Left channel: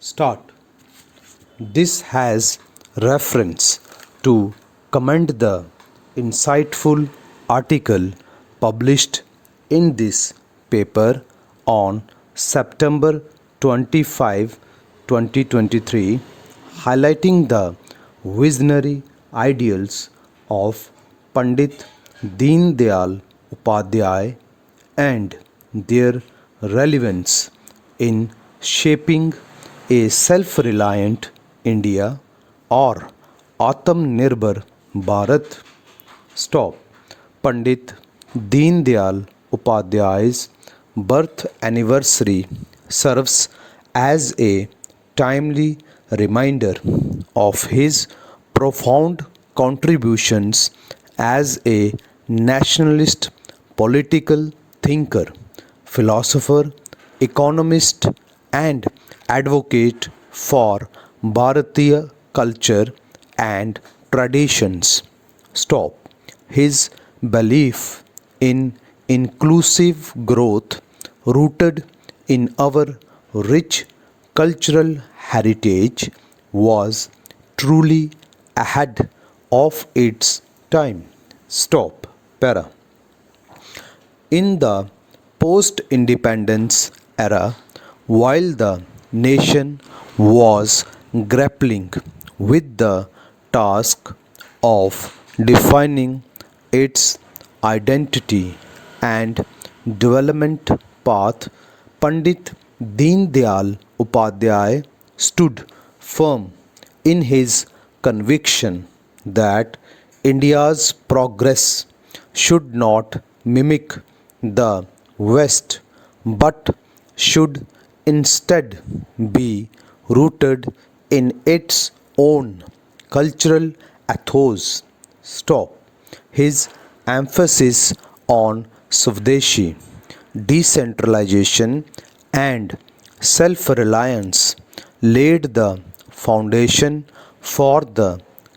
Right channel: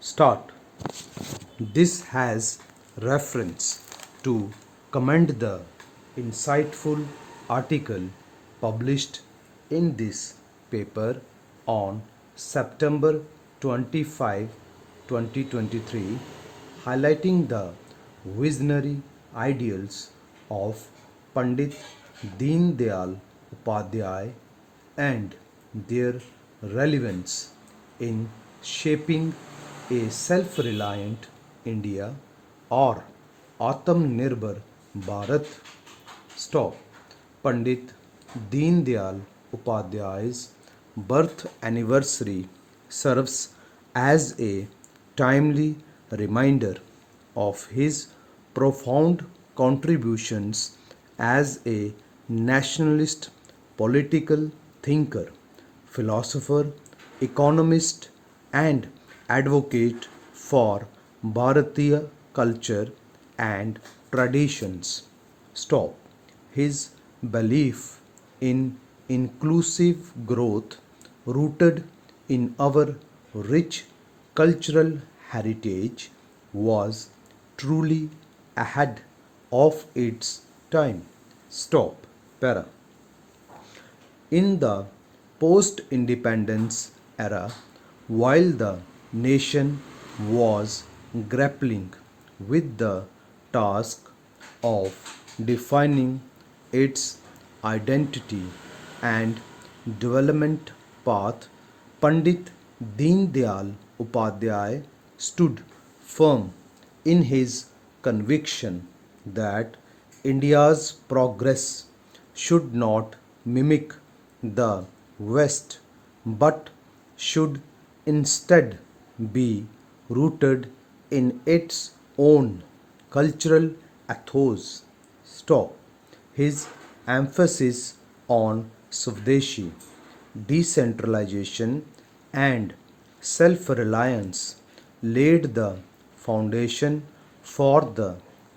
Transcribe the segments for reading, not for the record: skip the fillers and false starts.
Start. This has reference to commend the insightful article published in this paper on September 25, 2023, highlighting the visionary ideals of Pandit Deen Dayal Upadhyay and their relevance in shaping a self-reliant India or Atmanirbhar Bharat. Stop. Pandit Deen Dayal Upadhyay's birth anniversary serves as a timely reminder of his profound contributions as a nationalist political thinker, philosopher, economist, and advocate for Bharatiya culture and traditions. Stop. His belief in inclusive growth rooted in our rich cultural heritage was truly ahead of its time. Stop. Para. In the post independence era, while the nation was grappling with the task of defining its identity and development path, Pandit Deen Dayal Upadhyay stood firm in his conviction that India's progress should not mimic the West but should instead be rooted in its own cultural ethos. Stop. His emphasis on Swadeshi, decentralization, and self reliance laid the foundation for the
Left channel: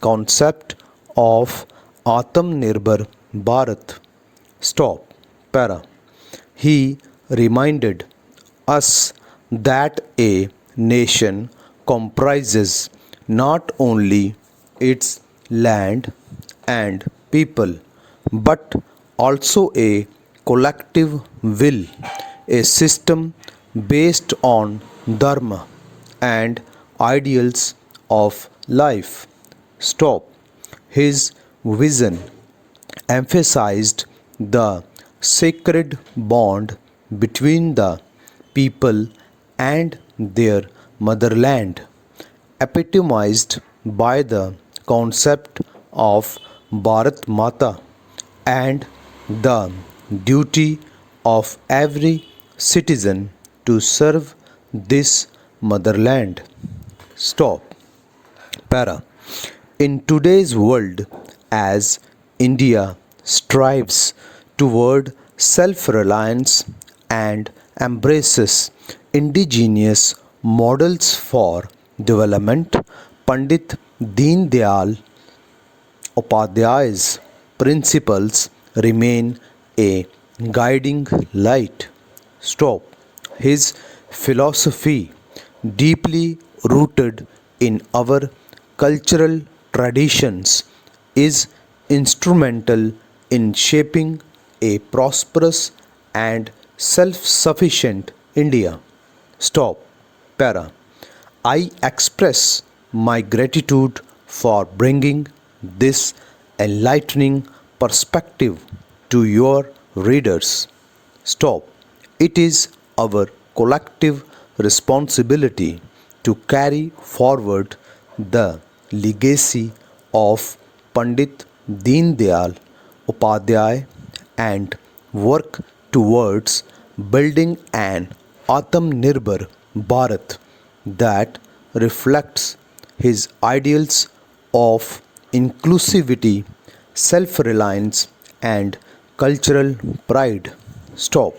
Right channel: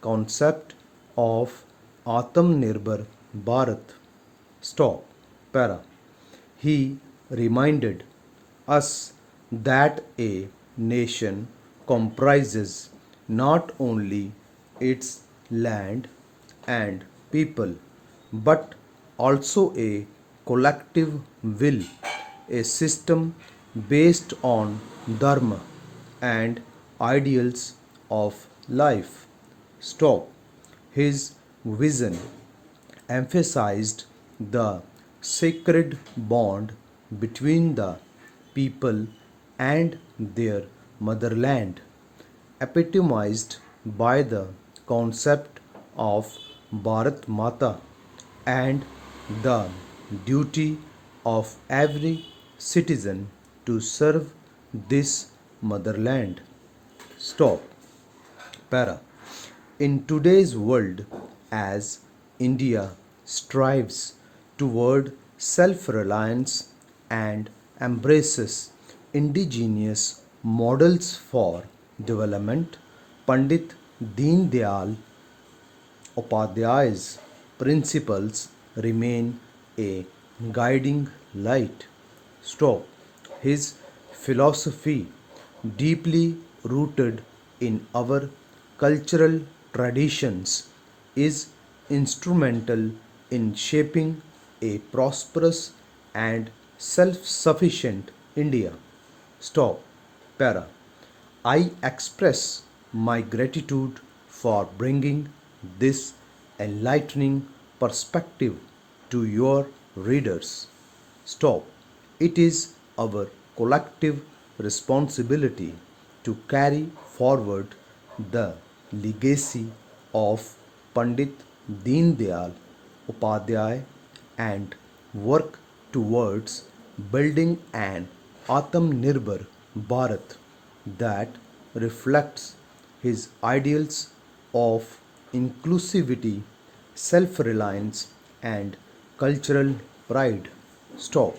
concept of Atmanirbhar Bharat. Stop. Para. He reminded us that a nation comprises not only its land and people but also a collective will, a system based on dharma and ideals of life. Stop. His vision emphasized the sacred bond between the people and their motherland, epitomized by the concept of Bharat Mata and the duty of every citizen to serve this motherland. Stop. Para. In today's world, as India strives toward self reliance and embraces indigenous models for development, Pandit Deen Dayal Upadhyay's principles remain a guiding light. Stop. His philosophy, deeply rooted in our cultural traditions, is instrumental in shaping a prosperous and self sufficient India. Stop. Para. I express my gratitude for bringing this enlightening perspective to your readers. Stop. It is our collective responsibility to carry forward the legacy of Pandit Deen Dayal Upadhyay and work towards building an Atmanirbhar Bharat that reflects his ideals of inclusivity, self reliance, and cultural pride. Stop.